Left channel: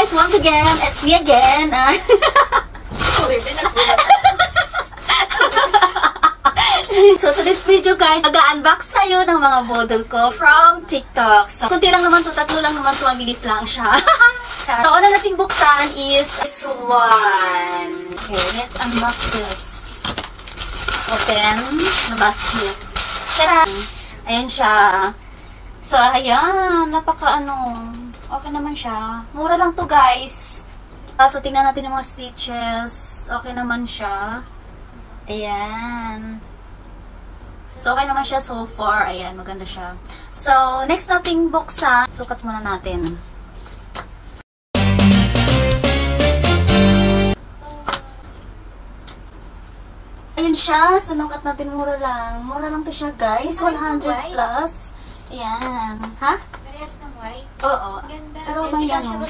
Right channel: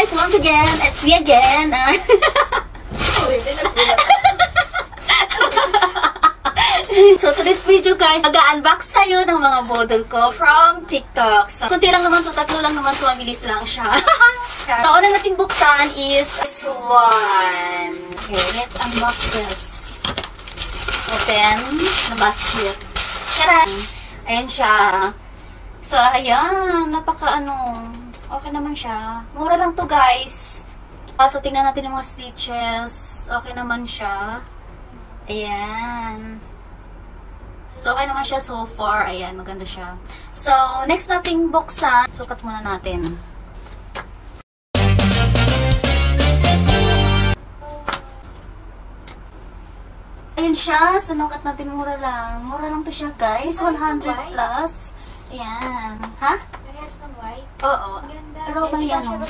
guys, once again, it's me again. So today's video guys, mag-unbox tayo ng mga bodol ko from TikTok. So kunti lang naman to, tatlo lang naman, so mabilis lang siya. So una nating buksan is this one. Okay, let's unbox this. Open the basket. Tara! Ayan siya. So ayan, okay naman siya. Mura lang to guys. So tingnan natin yung mga stitches. Okay naman siya. Ayan. So, okay naman siya so far. Ayan, maganda siya. So, next nating buksan. Sukat muna natin. Ayan siya. Sinukat natin mura lang. Mura lang to siya, guys. 100 plus. Ayan. Ha? Parehas ng white? Oo. Pero may ano.